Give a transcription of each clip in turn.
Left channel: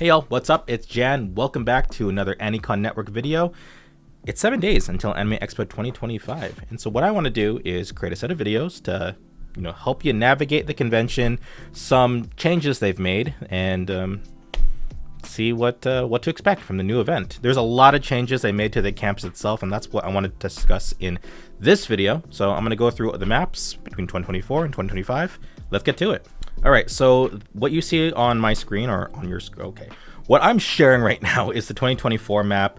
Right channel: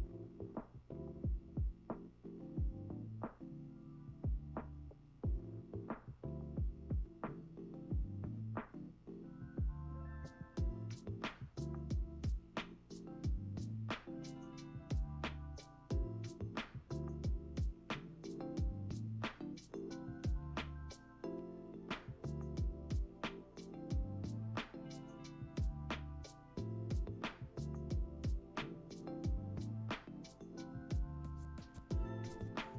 Hey y'all, what's up? It's Jan. Welcome back to another AniCon Network video. It's 7 days until Anime Expo 2025, and so what I want to do is create a set of videos to, help you navigate the convention, some changes they've made, and see what to expect from the new event. There's a lot of changes they made to the campus itself, and that's what I wanted to discuss in this video. So I'm going to go through the maps between 2024 and 2025. Let's get to it. All right, so what you see on my screen or on your screen, okay. What I'm sharing right now is the 2024 map,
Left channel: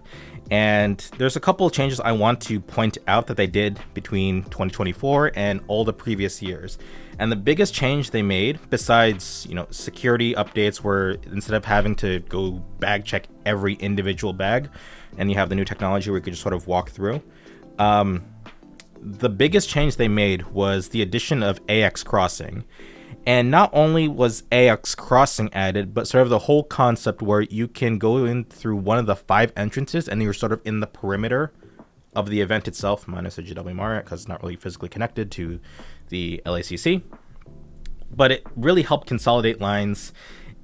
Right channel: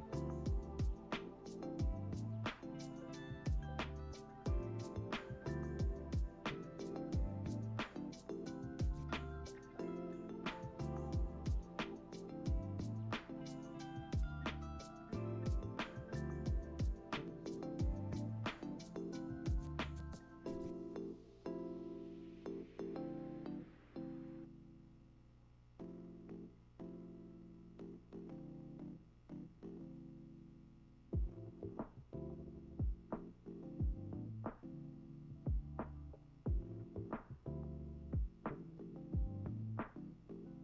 and there's a couple of changes I want to point out that they did between 2024 and all the previous years. And the biggest change they made, besides, security updates where instead of having to go bag check every individual bag, and you have the new technology where you could just sort of walk through, the biggest change they made was the addition of AX crossing. And not only was AX crossing added, but sort of the whole concept where you can go in through one of the 5 entrances and you're sort of in the perimeter of the event itself, minus a GW Marriott because it's not really physically connected to the LACC. But it really helped consolidate lines.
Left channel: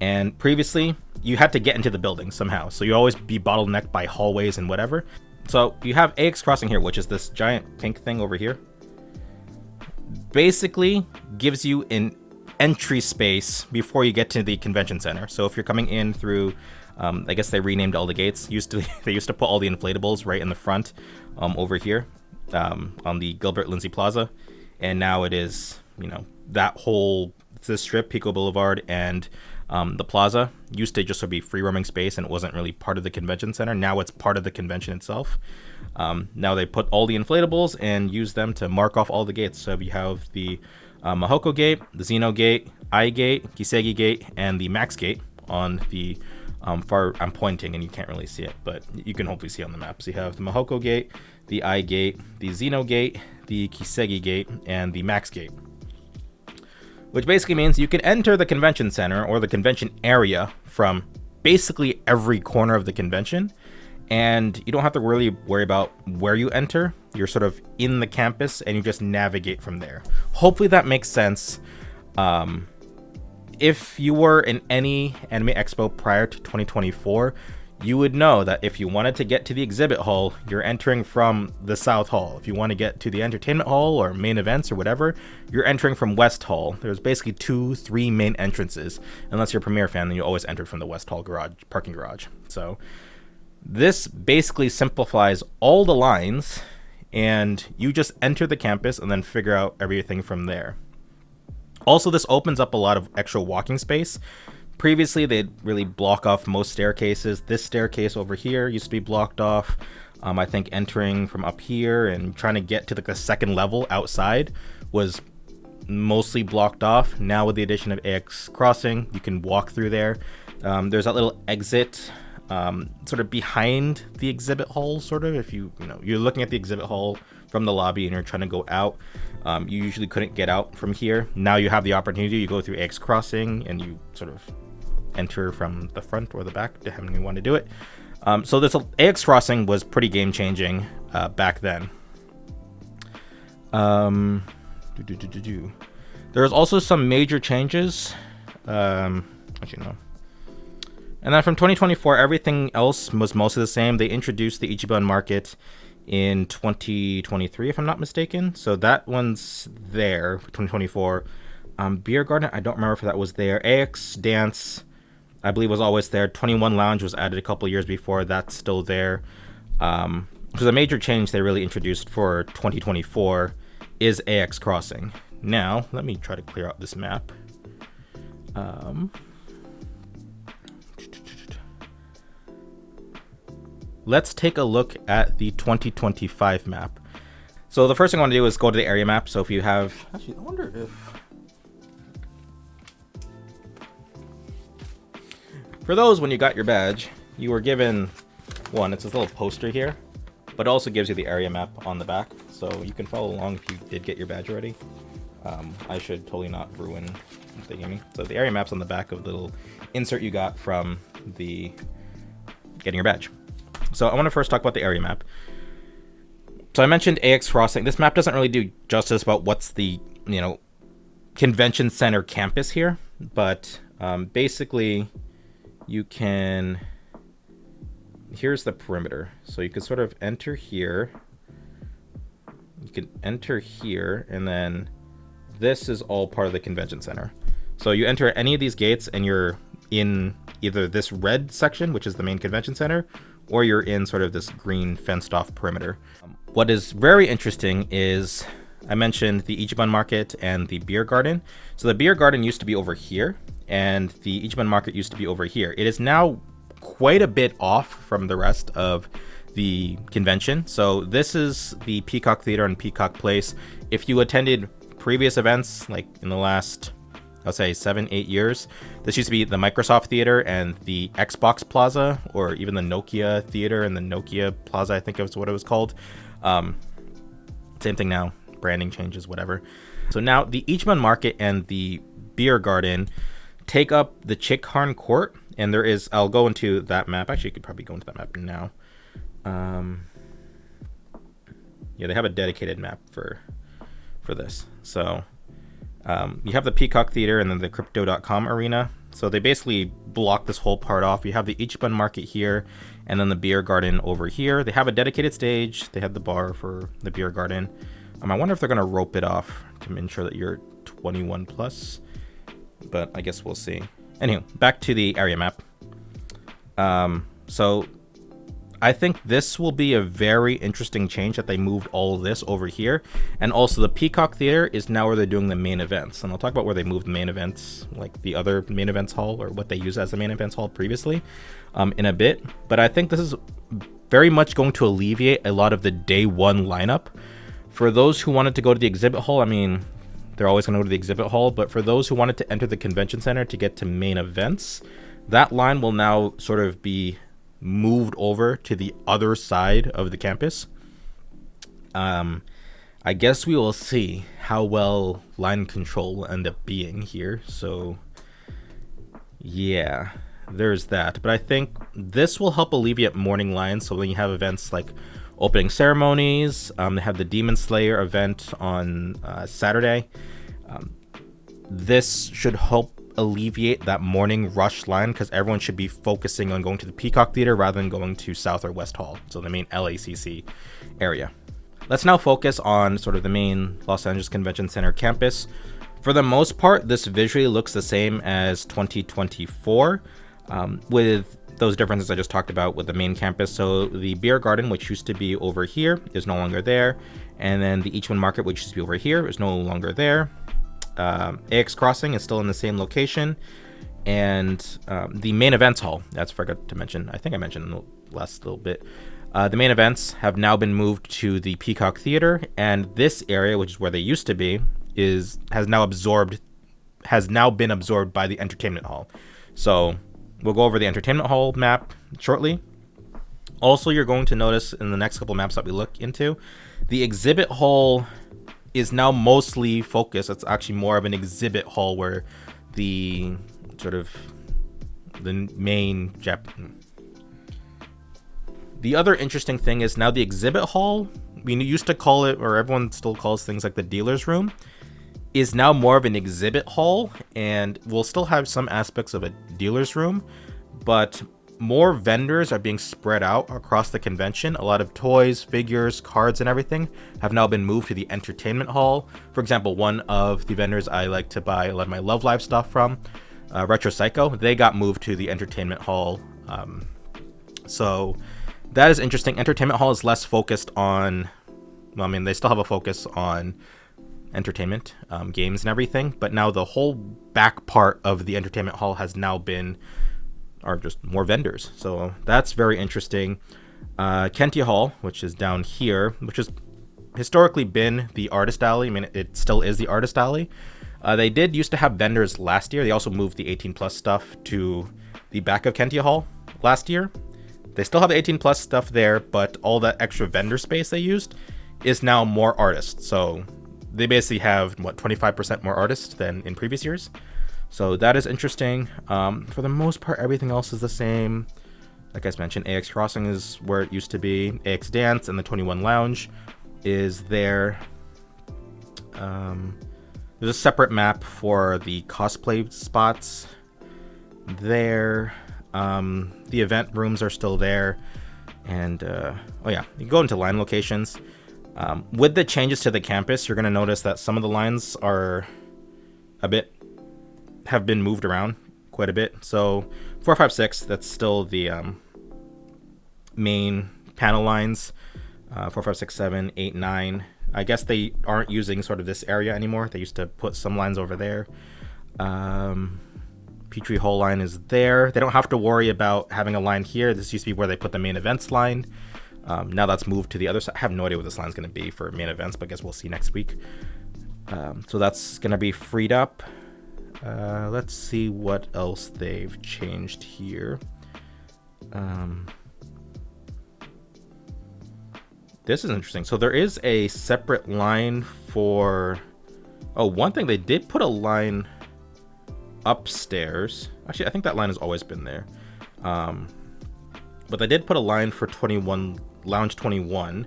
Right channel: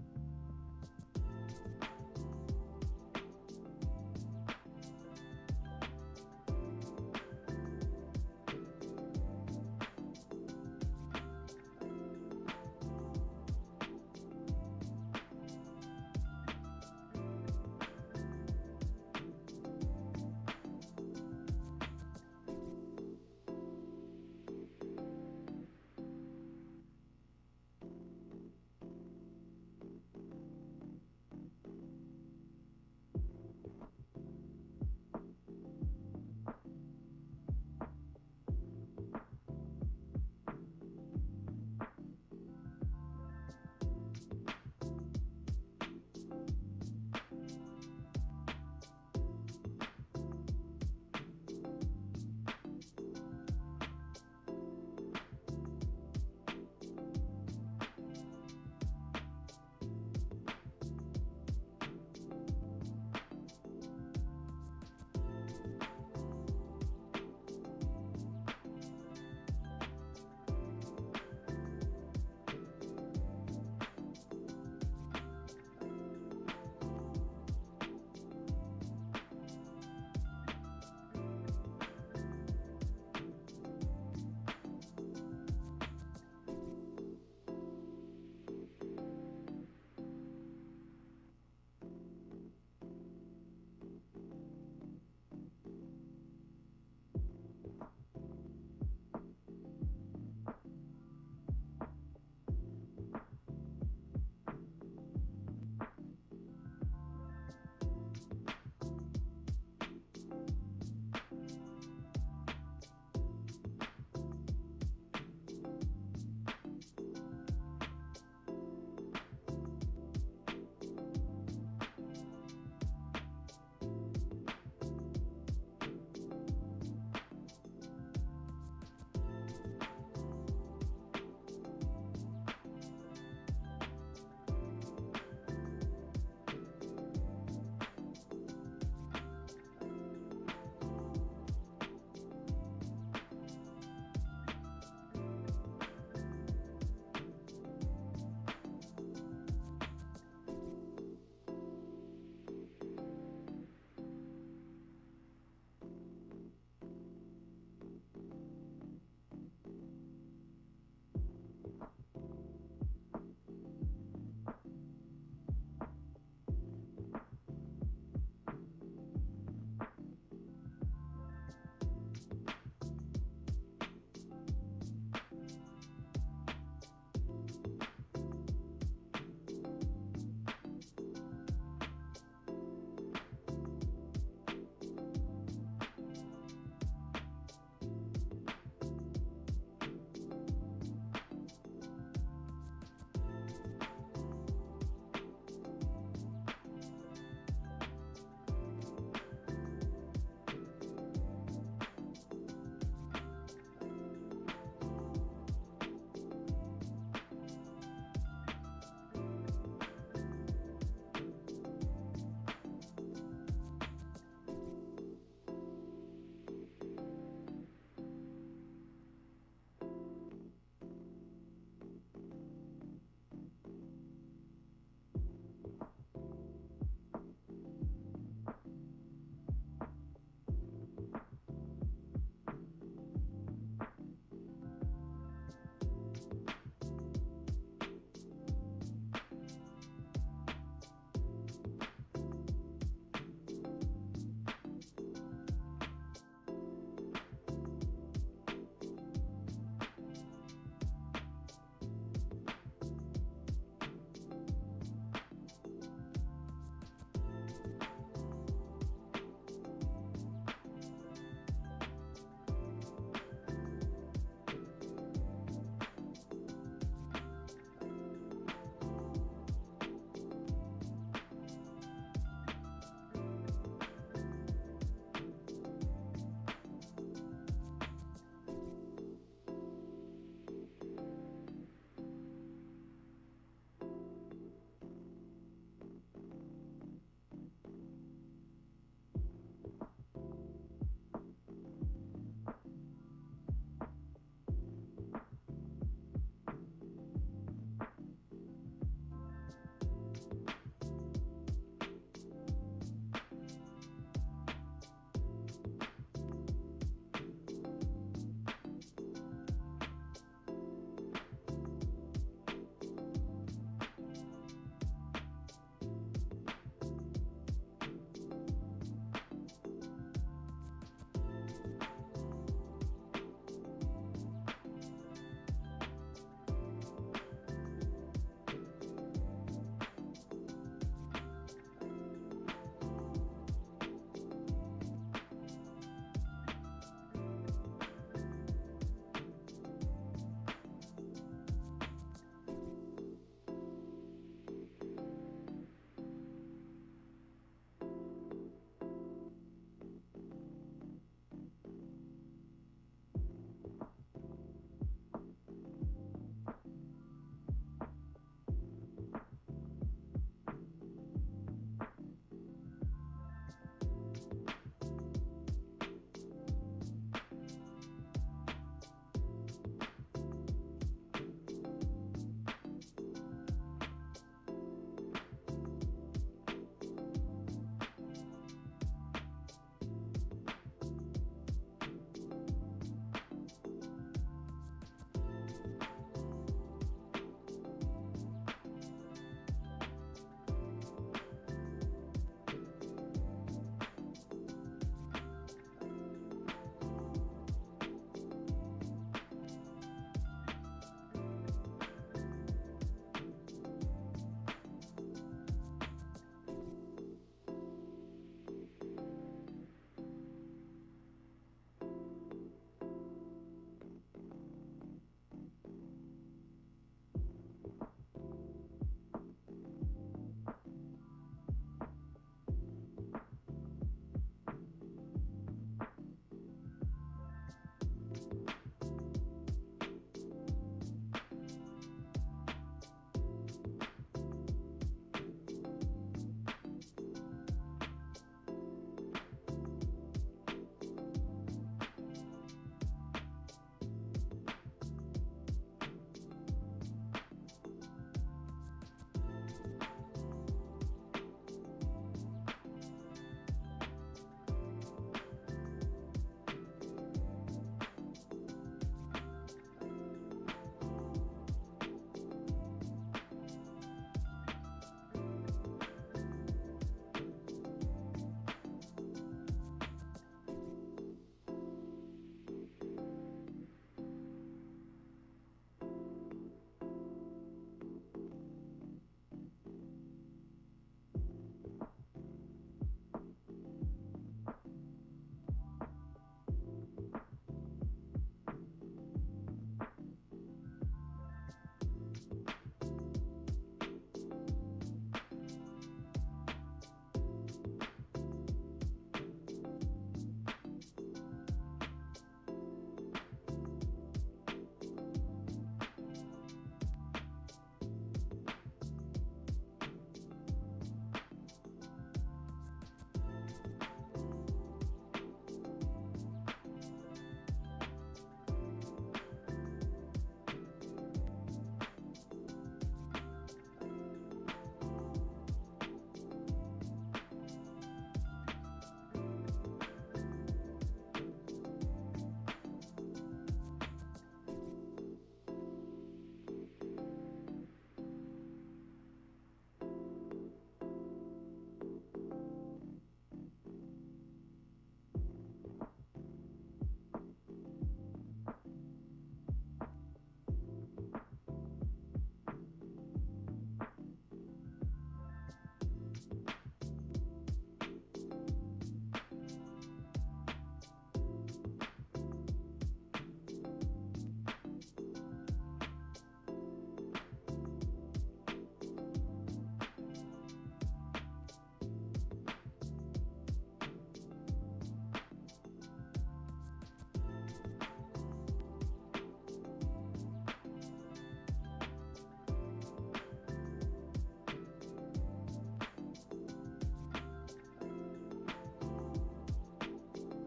And previously, you had to get into the building somehow. So you always be bottlenecked by hallways and whatever. So you have AX crossing here, which is this giant pink thing over here. Basically gives you an entry space before you get to the convention center. So if you're coming in through, I guess they renamed all the gates. They used to put all the inflatables right in the front, over here, on the Gilbert Lindsay Plaza, and now it is, that whole this strip, Pico Boulevard, and the plaza used to just sort of be free roaming space, and it wasn't really part of the convention center. Now it's part of the convention itself. Now they put all the inflatables and use them to mark off all the gates. So you have the Mahoko Gate, the Xeno Gate, I Gate, Kisegi Gate, and the Max Gate on the far. I'm pointing and you can't really see it, but you can hopefully see on the map. So you have the Mahoko Gate, the I Gate, the Xeno Gate, the Kisegi Gate, and the Max Gate. Which basically means you can enter the convention center or the convention area from basically every corner of the convention, and you don't have to really worry about where you enter. You're sort of in the campus and you just navigate from there. Hopefully that makes sense. If you were in any Anime Expo prior to 2024, you would know that if you wanted to get to the exhibit hall, you're entering from the South Hall. If you want to get to the entertainment hall or main events or whatever, you're entering from West Hall. There's basically 2-3 main entrances. Unless you're a Premier fan, then you always enter from the West Hall parking garage. So this basically simplifies all the lines, and you just enter the campus and then figure out everything from there. Also, this opens up a lot of extra walking space. Previously, they'd really block off most staircases. This staircase over here used to be blocked off. I think entering from up here and trying to get to the second level outside was mostly blocked off. Now with the addition of AX crossing, you can walk through there. There's that little exit sort of behind the exhibit hall, sort of. If you're looking at the exhibit hall from the lobby and you're trying to go out, you usually couldn't get out from here. Now you have the opportunity. You go through AX crossing and you sort of enter from the front or the back, depending on you want to do it. So this AX crossing was pretty game changing back then. There was also some major changes. Actually, no. And then from 2024, everything else was mostly the same. They introduced the Ichiban Market in 2023, if I'm not mistaken. So that one's there for 2024. Beer Garden, I don't remember if that was there. AX Dance, I believe, was always there. 21 Lounge was added a couple years before. That's still there. So the major change they really introduced for 2024 is AX Crossing. Now, let me try to clear out this map. Let's take a look at the 2025 map. So the first thing I want to do is go to the area map. So if you have, actually, I wonder if, for those, when you got your badge, you were given one. It's this little poster here, but it also gives you the area map on the back, so you can follow along if you did get your badge already. I should totally not ruin the gaming. So the area map's on the back of the little insert you got from the getting your badge. So I want to first talk about the area map. So I mentioned AX Crossing. This map doesn't really do justice about what's the, convention center campus here, but basically you can, here's the perimeter. So you can sort of enter here. You can enter here, and then this is all part of the convention center. So you enter any of these gates and you're in either this red section, which is the main convention center, or you're in sort of this green fenced off perimeter. What is very interesting is I mentioned the Ichiban Market and the beer garden. So the beer garden used to be over here and the Ichiban Market used to be over here. It is now quite a bit off from the rest of the convention. So this is the Peacock Theater and Peacock Place. If you attended previous events, like in the last, I'll say 7-8 years, this used to be the Microsoft Theater and the Xbox Plaza, or even the Nokia Theater and the Nokia Plaza, I think it was what it was called. Same thing now, branding changes, whatever. So now the Ichiban Market and the beer garden take up the Chikharn Court, and there is, I'll go into that map. Actually, you could probably go into that map now. Yeah, they have a dedicated map for this. So you have the Peacock Theater and then the Crypto.com arena. So they basically block this whole part off. You have the Ichiban Market here, and then the beer garden over here. They have a dedicated stage. They have the bar for the beer garden. I wonder if they're gonna rope it off to ensure that you're 21 plus, but I guess we'll see. Anyway, back to the area map. So I think this will be a very interesting change that they moved all of this over here. And also the Peacock Theater is now where they're doing the main events. And I'll talk about where they moved the main events, like the other main events hall, or what they used as the main events hall previously, in a bit. But I think this is very much going to alleviate a lot of the day one lineup. For those who wanted to go to the exhibit hall, I mean, they're always going to go to the exhibit hall. But for those who wanted to enter the convention center to get to main events, that line will now sort of be moved over to the other side of the campus. I guess we will see how well line control will end up being here. So yeah, there's that. But I think this will help alleviate morning lines. So when you have events like opening ceremonies, they have the Demon Slayer event on Saturday. This should help alleviate that morning rush line, because everyone should be focusing on going to the Peacock Theater rather than going to South or West Hall, so the main LACC area. Let's now focus on sort of the main Los Angeles Convention Center campus. For the most part, this visually looks the same as 2024, with those differences I just talked about with the main campus. So the beer garden, which used to be over here, is no longer there, and then the Ichiban Market, which used to be over here, is no longer there. AX Crossing is still in the same location, and the main events hall, that's forgot to mention, I think I mentioned in the last little bit, the main events have now been moved to the Peacock Theater, and this area, which is where they used to be, has now been absorbed by the entertainment hall. So we'll go over the entertainment hall map shortly. Also, you're going to notice in the next couple maps that we look into, the exhibit hall is now mostly focused. It's actually more of an exhibit hall where the sort of the main The other interesting thing is now the exhibit hall, we used to call it, or everyone still calls things like the dealer's room, is now more of an exhibit hall, and we'll still have some aspects of a dealer's room, but more vendors are being spread out across the convention. A lot of toys, figures, cards, and everything have now been moved to the entertainment hall. For example, one of the vendors I like to buy a lot of my Love Live stuff from, Retro Psycho, they got moved to the entertainment hall. So that is interesting. Entertainment hall is less focused on, well, I mean, they still have a focus on entertainment, games and everything, but now the whole back part of the entertainment hall has now been, are just more vendors. So that's very interesting. Kentia Hall, which is down here, which has historically been the artist alley. I mean, it still is the artist alley. They did used to have vendors last year. They also moved the 18 plus stuff to the back of Kentia Hall last year. They still have the 18 plus stuff there, but all that extra vendor space they used is now more artists. So they basically have, what, 25% more artists than in previous years. So that is interesting. For the most part, everything else is the same. Like I mentioned, AX Crossing is where it used to be. AX Dance and the 21 Lounge is there. There's a separate map for the cosplay spots there. The event rooms are still there. And, oh yeah, you go into line locations. With the changes to the campus, you're going to notice that some of the lines are have been moved around quite a bit. So 4, 5, 6, that's still the main panel lines. 4, 5, 6, 7, 8, 9. I guess they aren't using sort of this area anymore. They used to put some lines over there. Petrie Hall line is there. They don't have to worry about having a line here. This used to be where they put the main events line. Now that's moved to the other side. I have no idea what this line's going to be for main events, but I guess we'll see next week. So that's going to be freed up. Let's see what else they've changed here. This is interesting. So there is a separate line for... Oh, one thing, they did put a line upstairs. Actually, I think that line has always been there. But they did put a line for Lounge 21,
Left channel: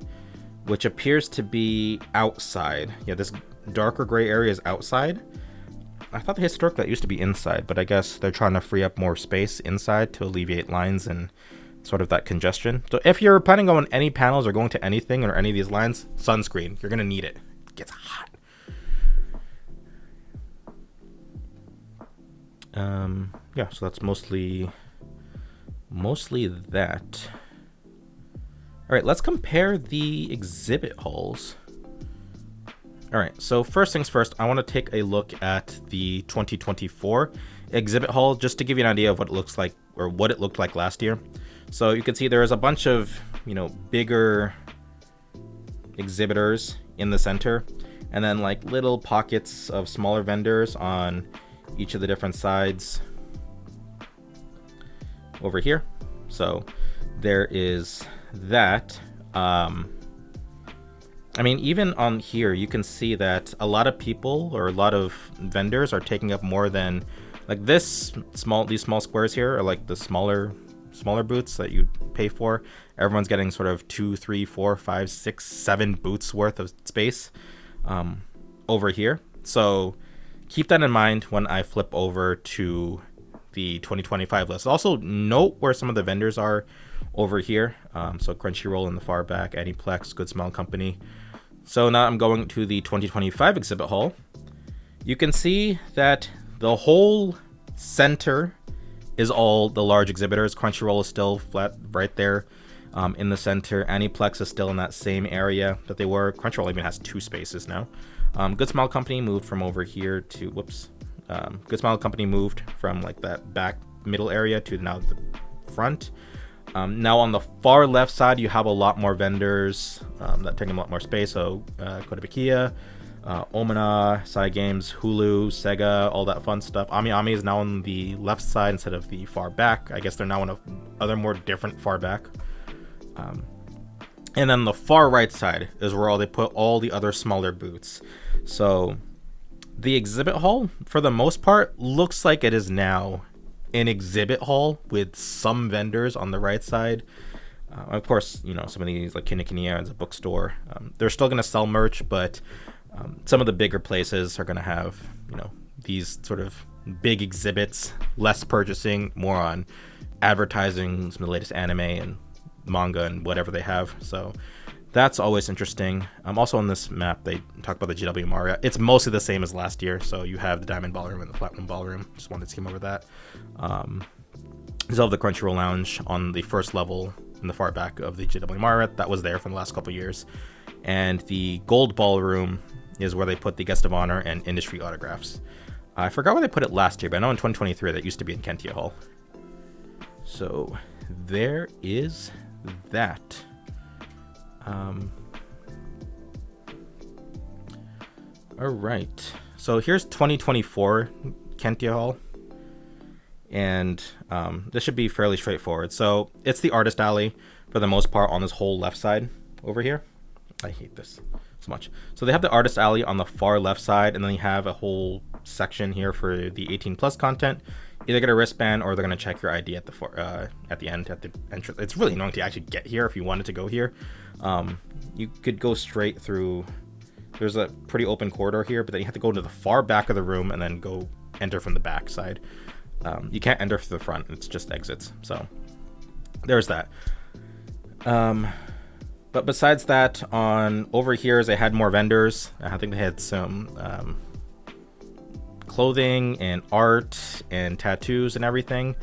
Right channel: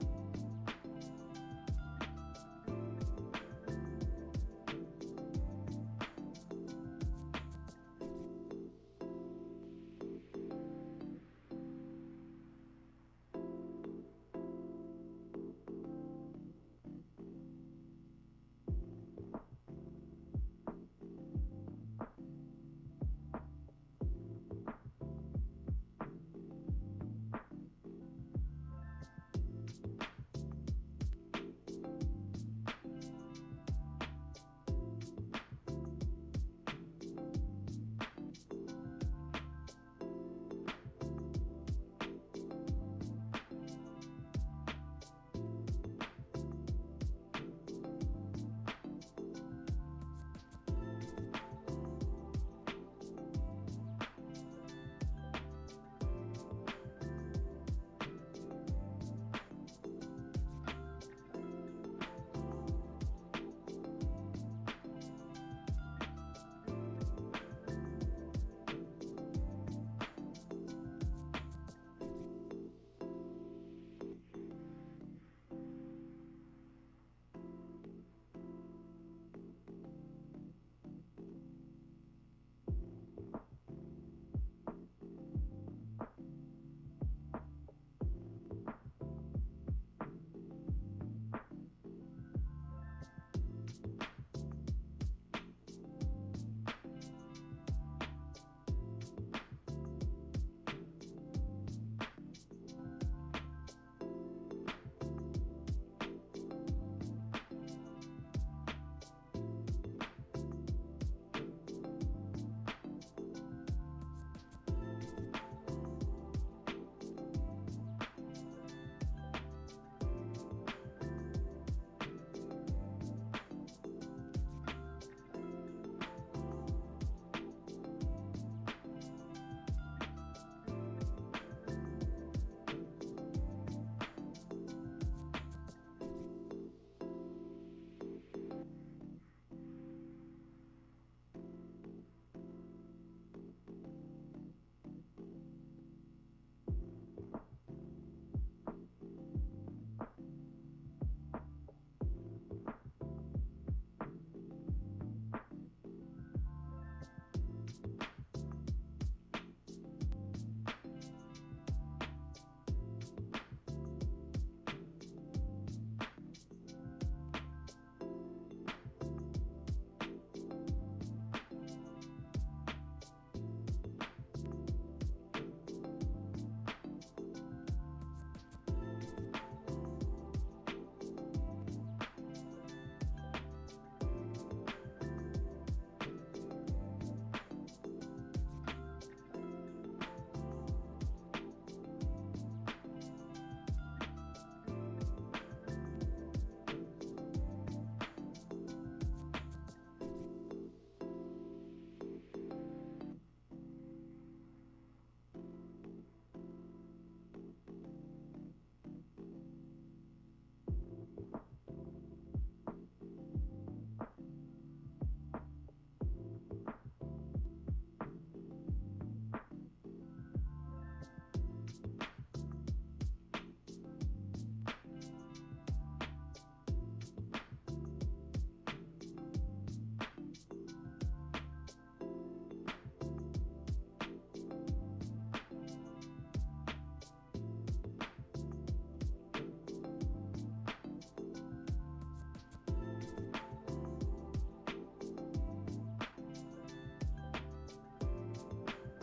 which appears to be outside. Yeah, this darker gray area is outside. I thought historically that used to be inside, but I guess they're trying to free up more space inside to alleviate lines and sort of that congestion. So if you're planning on any panels or going to anything or any of these lines, sunscreen, you're gonna need it. It gets hot. Yeah, so that's mostly that. All right, let's compare the exhibit halls. All right, so first things first, I want to take a look at the 2024 exhibit hall just to give you an idea of what it looks like or what it looked like last year. So you can see there's a bunch of, bigger exhibitors in the center, and then like little pockets of smaller vendors on each of the different sides over here. So there is that. I mean, even on here, you can see that a lot of people or a lot of vendors are taking up more than like these small squares here are like the smaller booths that you pay for. Everyone's getting sort of 2, 3, 4, 5, 6, 7 booths worth of space over here. So keep that in mind when I flip over to the 2025 list. Also note where some of the vendors are over here. So Crunchyroll in the far back, Aniplex, Good Smile Company. So now I'm going to the 2025 exhibit hall. You can see that the whole center is all the large exhibitors. Crunchyroll is still flat right there in the center. Aniplex is still in that same area that they were. Crunchyroll even has 2 spaces now. Good Smile Company moved from over here to, Good Smile Company moved from like that back middle area to now the front. Now on the far left side, you have a lot more vendors that take a lot more space. So Kotobukiya, Omina, Side Games, Hulu, Sega, all that fun stuff. Ami is now on the left side instead of the far back. I guess they're now in a other more different far back. And then the far right side is where they put all the other smaller booths. So the exhibit hall, for the most part, looks like it is now an exhibit hall with some vendors on the right side. Of course, some of these like Kinokuniya is a bookstore. They're still going to sell merch, but some of the bigger places are going to have, these sort of big exhibits, less purchasing, more on advertising some of the latest anime and manga and whatever they have. So that's always interesting. Also on this map, they talk about the GW Maria. It's mostly the same as last year. So you have the Diamond Ballroom and the Platinum Ballroom. Just wanted to skim over that. You still have the Crunchyroll Lounge on the first level in the far back of the GW Maria. That was there for the last couple years. And the Gold Ballroom is where they put the Guest of Honor and Industry Autographs. I forgot where they put it last year, but I know in 2023 that used to be in Kentia Hall. So there is that. All right, so here's 2024 Kentia Hall, and this should be fairly straightforward. So it's the artist alley for the most part on this whole left side over here. I hate this so much. So they have the artist alley on the far left side, and then you have a whole section here for the 18 plus content. Either get a wristband or they're gonna check your ID at the end at the entrance. It's really annoying to actually get here if you wanted to go here. You could go straight through. There's a pretty open corridor here, but then you have to go to the far back of the room and then go enter from the back side. You can't enter through the front. It's just exits. So there's that. But besides that, on over here, they had more vendors. I think they had some clothing and art and tattoos and everything.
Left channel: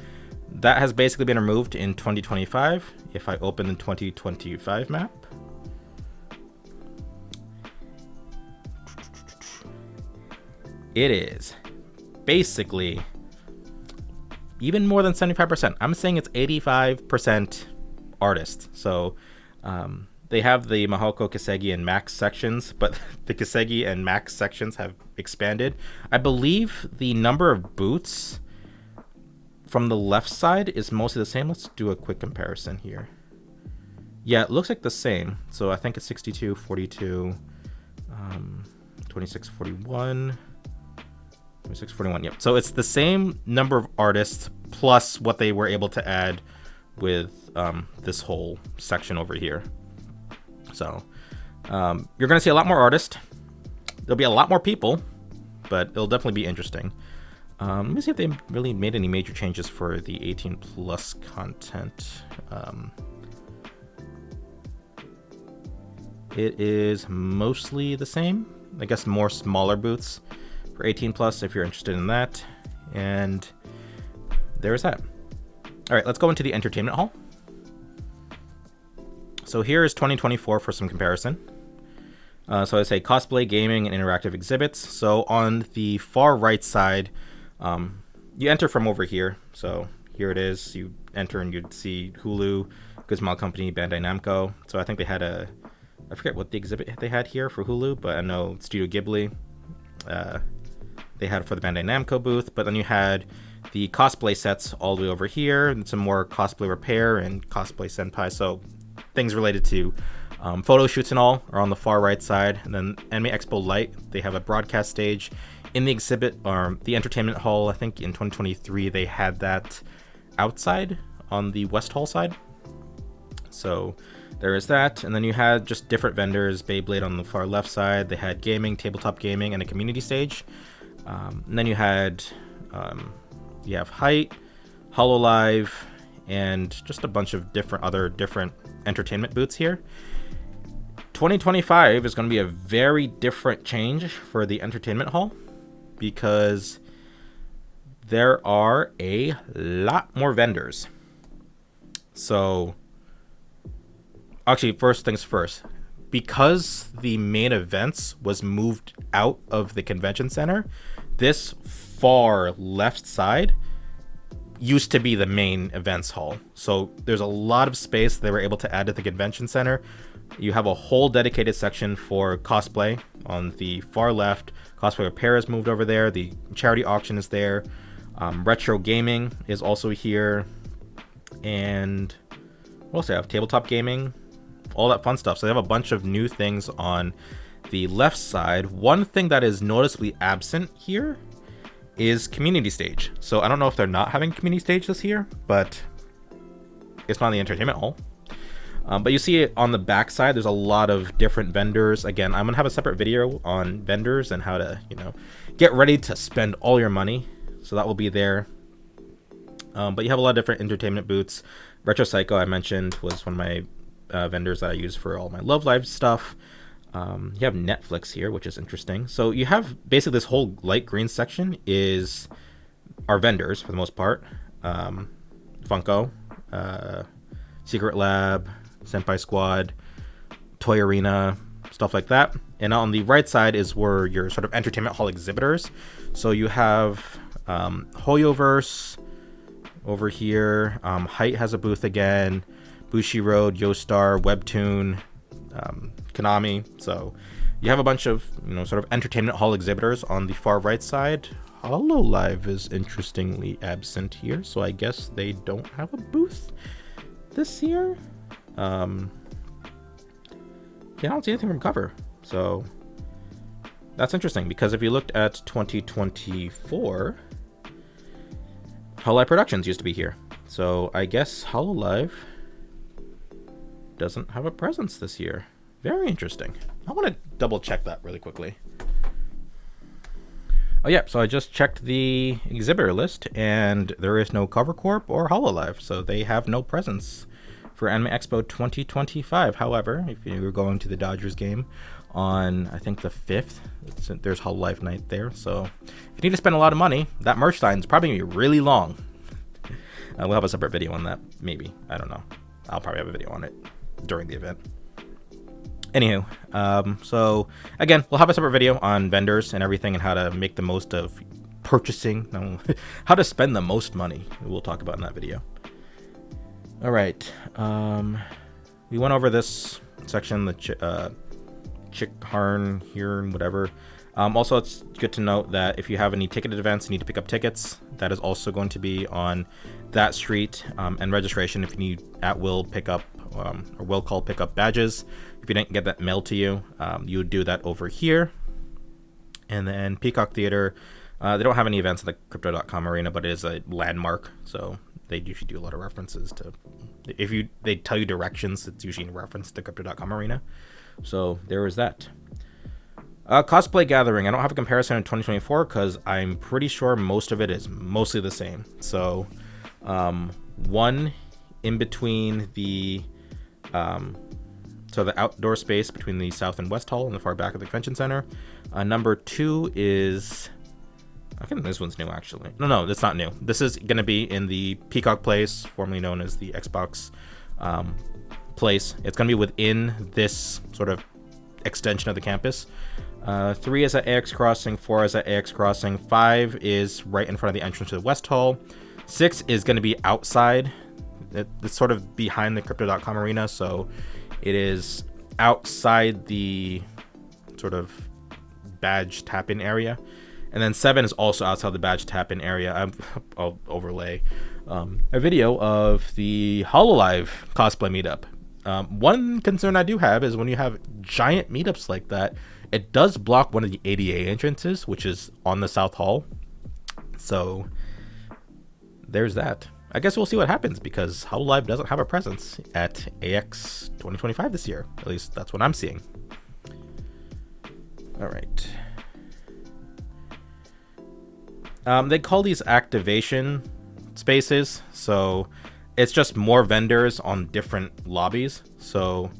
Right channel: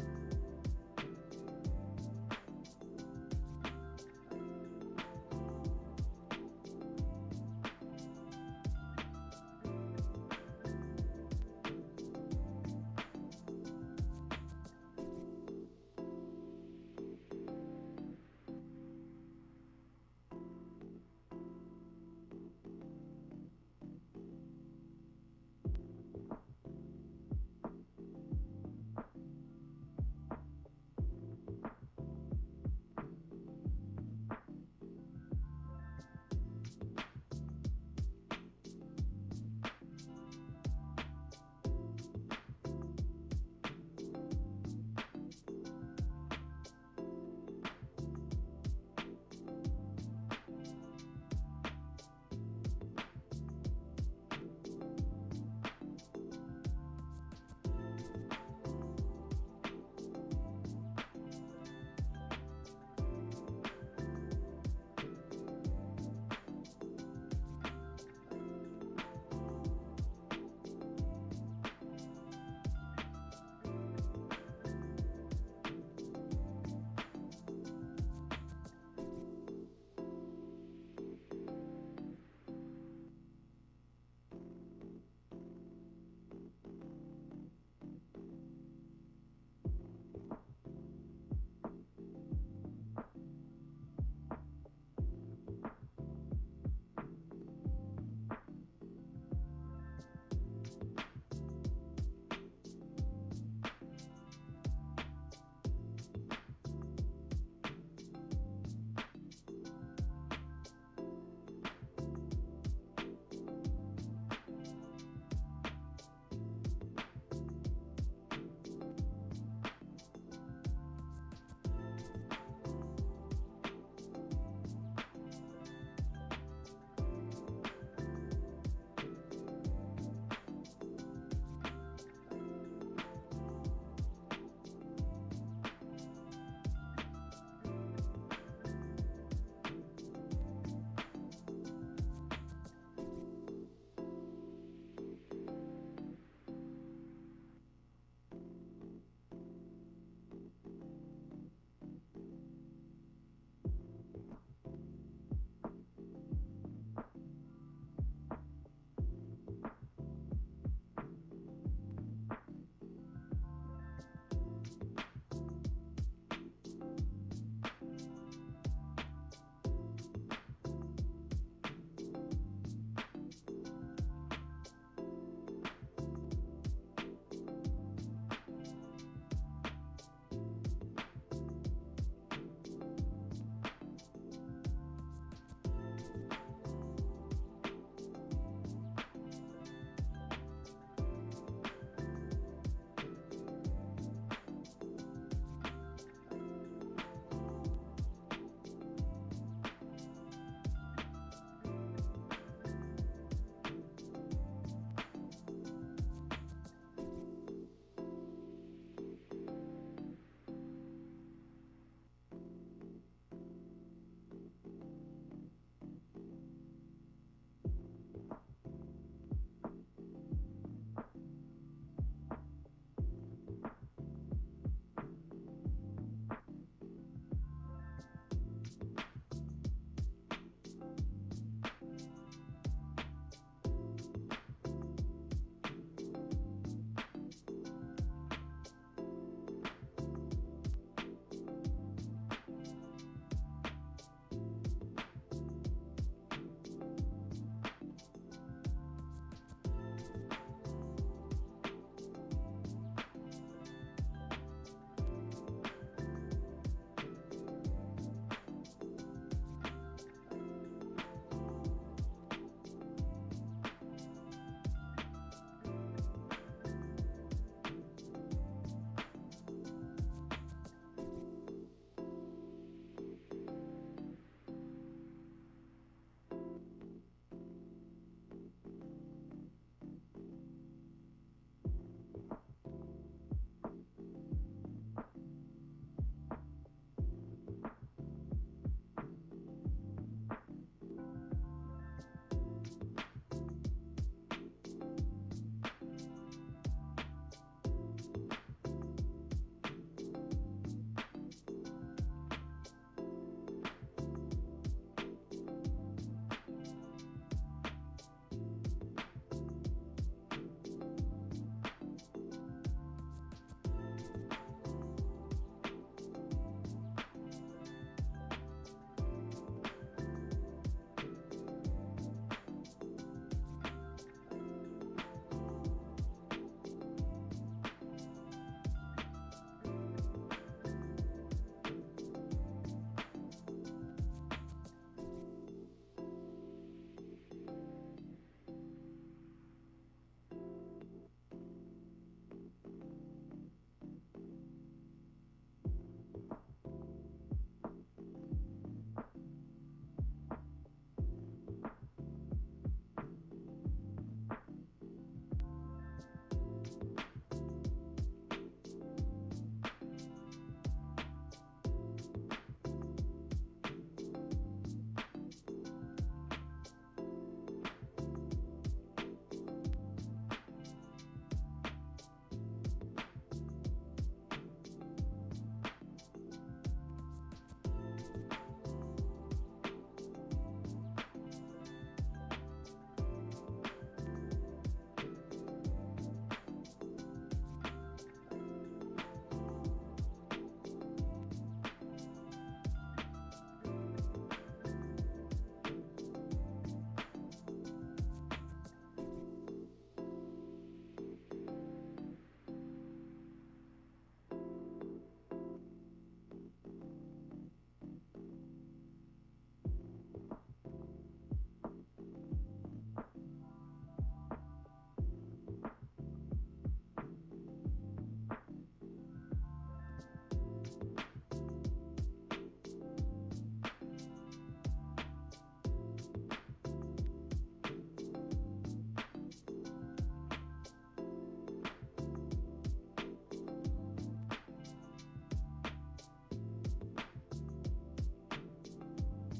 That has basically been removed in 2025. If I open the 2025 map, it is basically even more than 75%. I'm saying it's 85% artists. So they have the Mahoko, Kisegi, and Max sections, but the Kisegi and Max sections have expanded. I believe the number of booths from the left side is mostly the same. Let's do a quick comparison here. Yeah, it looks like the same. So I think it's 62, 42, 26, 41, 26, 41. Yep. So it's the same number of artists plus what they were able to add with this whole section over here. So you're going to see a lot more artists. There'll be a lot more people, but it'll definitely be interesting. Let me see if they really made any major changes for the 18 plus content. It is mostly the same. I guess more smaller booths for 18 plus if you're interested in that. And there's that. All right, let's go into the entertainment hall. So here is 2024 for some comparison. So I say cosplay, gaming, and interactive exhibits. So on the far right side, you enter from over here. So here it is. You enter and you'd see Hulu, Good Smile Company, Bandai Namco. So I think they had I forget what the exhibit they had here for Hulu, but I know Studio Ghibli. They had it for the Bandai Namco booth, but then you had the cosplay sets all the way over here, and some more cosplay repair and cosplay senpai. So things related to photo shoots and all are on the far right side. And then Anime Expo Light, they have a broadcast stage in the exhibit or the entertainment hall. I think in 2023 they had that outside on the West Hall side. So there is that. And then you had just different vendors. Beyblade on the far left side. They had gaming, tabletop gaming, and a community stage. And then you had you have Height, HoloLive, and just a bunch of different entertainment booths here. 2025 is going to be a very different change for the entertainment hall because there are a lot more vendors. So actually, first things first, because the main events was moved out of the convention center, this far left side used to be the main events hall. So there's a lot of space they were able to add to the convention center. You have a whole dedicated section for cosplay on the far left. Cosplay repair is moved over there. The charity auction is there. Retro gaming is also here. And what else do I have? Tabletop gaming, all that fun stuff. So they have a bunch of new things on the left side. One thing that is noticeably absent here is community stage. So I don't know if they're not having community stage this year, but it's not in the entertainment hall. But you see it on the back side, there's a lot of different vendors. Again, I'm gonna have a separate video on vendors and how to, get ready to spend all your money. So that will be there. But you have a lot of different entertainment booths. Retro Psycho, I mentioned, was one of my vendors that I use for all my Love Live stuff. You have Netflix here, which is interesting. So you have basically this whole light green section is our vendors for the most part. Funko, Secret Lab, Senpai Squad, Toy Arena, stuff like that. And on the right side is where your sort of entertainment hall exhibitors. So you have Hoyoverse over here. Height has a booth again. Bushi Road, Yostar, Webtoon, Konami. So you have a bunch of sort of entertainment hall exhibitors on the far right side. HoloLive is interestingly absent here, so I guess they don't have a booth this year. I don't see anything from cover, so that's interesting because if you looked at 2024, HoloLive Productions used to be here, so I guess HoloLive doesn't have a presence this year. Very interesting. I want to double check that really quickly. Oh yeah, so I just checked the exhibitor list, and there is no Cover Corp or Hololive, so they have no presence for Anime Expo 2025. However, if you're going to the Dodgers game on, I think, the 5th, there's Hololive night there, so if you need to spend a lot of money, that merch sign is probably going to be really long. We'll have a separate video on that, maybe. I don't know. I'll probably have a video on it during the event. Anywho, so again, we'll have a separate video on vendors and everything and how to make the most of purchasing, how to spend the most money. We'll talk about in that video. All right, we went over this section, the Chick Harn here and whatever. Also, it's good to note that if you have any ticketed events, you need to pick up tickets. That is also going to be on that street, and registration if you need at-will pickup or will call pickup badges. If you didn't get that mailed to you, you would do that over here. And then Peacock Theater, they don't have any events at the Crypto.com arena, but it is a landmark, so they usually do a lot of references to. If they tell you directions, it's usually in reference to Crypto.com arena. So there is that. Cosplay Gathering. I don't have a comparison in 2024 because I'm pretty sure most of it is mostly the same. So one in between the the outdoor space between the South and West Hall in the far back of the convention center. Number 2 is, I think this one's new actually. No, that's not new. This is going to be in the Peacock Place, formerly known as the Xbox place. It's going to be within this sort of extension of the campus. 3 is at AX Crossing, 4 is at AX Crossing, 5 is right in front of the entrance to the West Hall, 6 is going to be outside. It's sort of behind the Crypto.com arena, so it is outside the sort of badge tap-in area. And then 7 is also outside the badge tap-in area. I'll overlay a video of the Hololive cosplay meetup. One concern I do have is when you have giant meetups like that, it does block one of the ADA entrances, which is on the South Hall. So there's that. I guess we'll see what happens because Hololive doesn't have a presence at AX 2025 this year. At least that's what I'm seeing. All right. They call these activation spaces. So it's just more vendors on different lobbies. So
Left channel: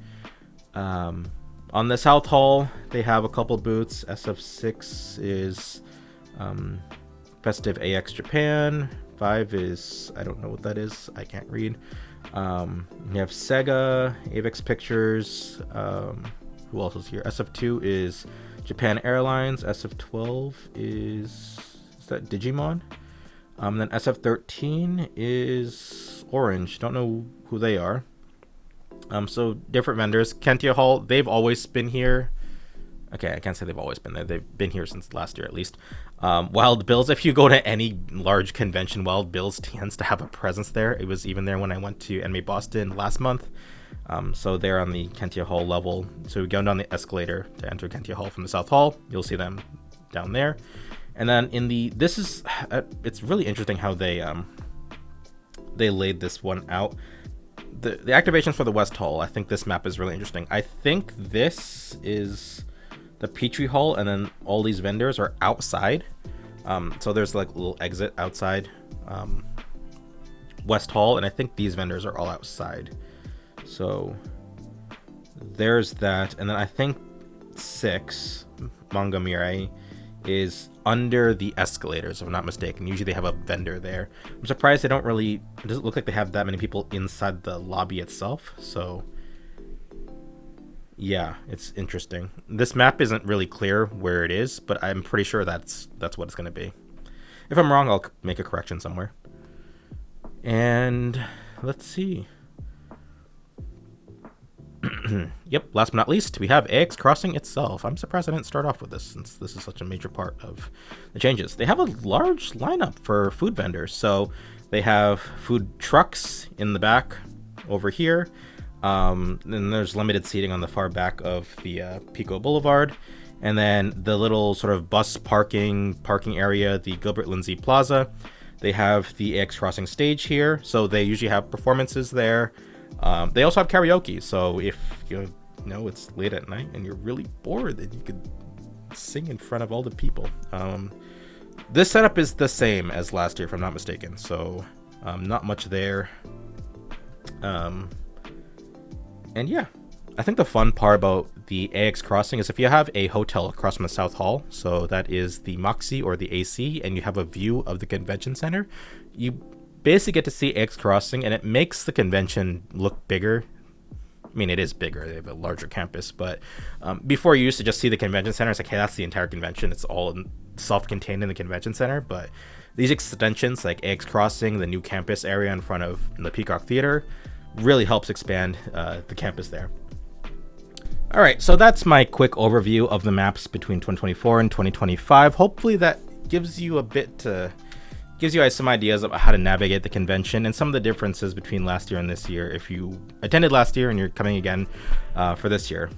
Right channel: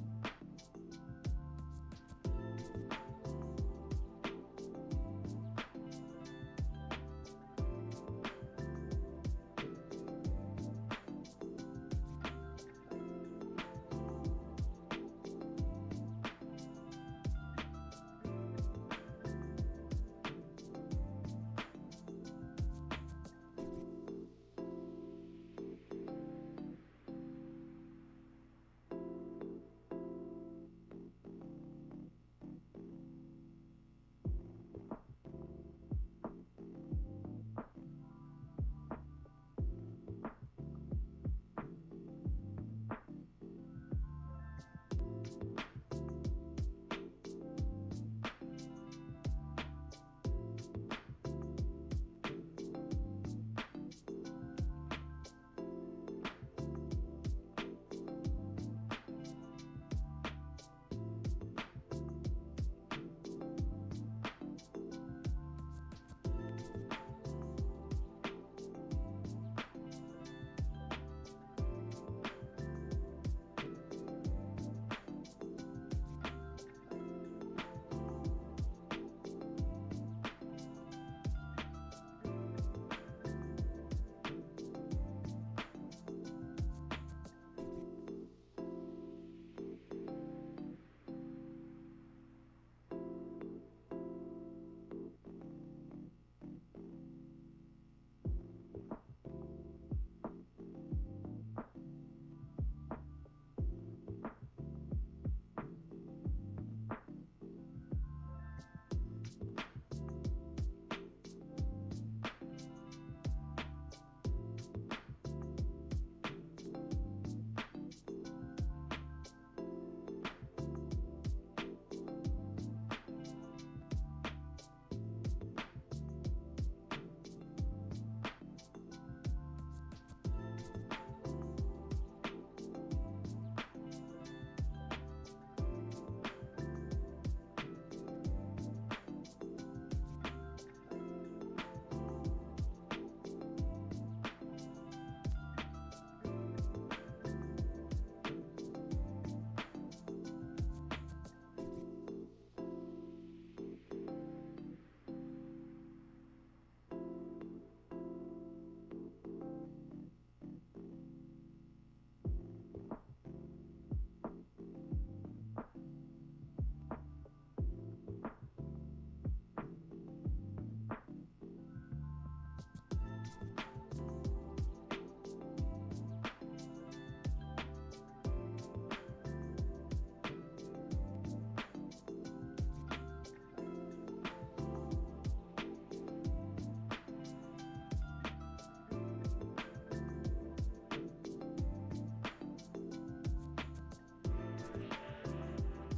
on the South Hall, they have a couple booths. SF6 is Festive AX Japan. 5 is, I don't know what that is. I can't read. You have Sega, Avex Pictures. Who else is here? SF2 is Japan Airlines. SF12 is that Digimon? Then SF13 is Orange. Don't know who they are. So different vendors. Kentia Hall, they've always been here. Okay, I can't say they've always been there. They've been here since last year at least. Wild Bills, if you go to any large convention, Wild Bills tends to have a presence there. It was even there when I went to Anime Boston last month. So they're on the Kentia Hall level. So we go down the escalator to enter Kentia Hall from the South Hall. You'll see them down there. And then in the, this is, it's really interesting how they laid this one out. The activations for the West Hall, I think this map is really interesting. I think this is the Petrie Hall, and then all these vendors are outside. So there's like a little exit outside West Hall, and I think these vendors are all outside. So there's that, and then I think 6, Manga Mirai, is under the escalators, if I'm not mistaken. Usually they have a vendor there. I'm surprised they don't really, it doesn't look like they have that many people inside the lobby itself. So yeah, it's interesting. This map isn't really clear where it is, but I'm pretty sure that's what it's going to be. If I'm wrong, I'll make a correction somewhere. And let's see. Yep, last but not least, we have AX Crossing itself. I'm surprised I didn't start off with this since this is such a major part of the changes. They have a large lineup for food vendors. So they have food trucks in the back over here. And there's limited seating on the far back of the Pico Boulevard. And then the little sort of bus parking area, the Gilbert Lindsay Plaza. They have the AX Crossing stage here. So they usually have performances there. They also have karaoke, so if you know it's late at night and you're really bored, then you could sing in front of all the people. This setup is the same as last year, if I'm not mistaken. So not much there. And yeah, I think the fun part about the AX Crossing is if you have a hotel across from the South Hall, so that is the Moxie or the AC, and you have a view of the convention center, you basically get to see AX Crossing, and it makes the convention look bigger. I mean, it is bigger. They have a larger campus, but before you used to just see the convention center. It's like, hey, that's the entire convention. It's all self-contained in the convention center. But these extensions, like AX Crossing, the new campus area in front of the Peacock Theater, really helps expand the campus there. All right, so that's my quick overview of the maps between 2024 and 2025. Hopefully that gives you gives you guys some ideas about how to navigate the convention and some of the differences between last year and this year if you attended last year and you're coming again for this year.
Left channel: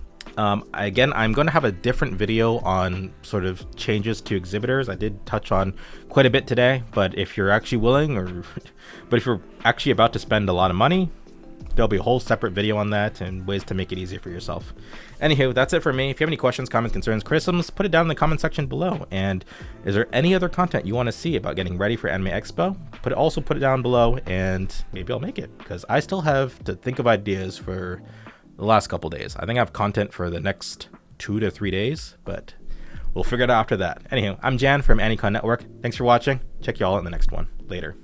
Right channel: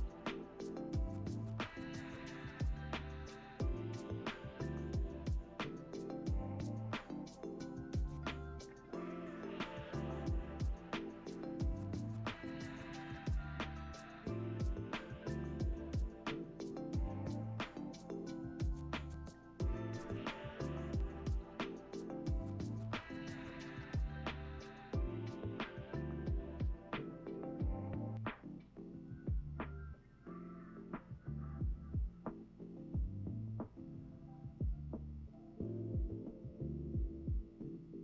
Again, I'm going to have a different video on sort of changes to exhibitors. I did touch on quite a bit today, but if you're actually willing but if you're actually about to spend a lot of money, there'll be a whole separate video on that and ways to make it easier for yourself. Anywho, that's it for me. If you have any questions, comments, concerns, criticisms, put it down in the comment section below. And is there any other content you want to see about getting ready for Anime Expo? Also put it down below, and maybe I'll make it, because I still have to think of ideas for the last couple days. I think I have content for the next 2 to 3 days, but we'll figure it out after that. Anywho, I'm Jan from AniCon Network. Thanks for watching. Check you all in the next one. Later.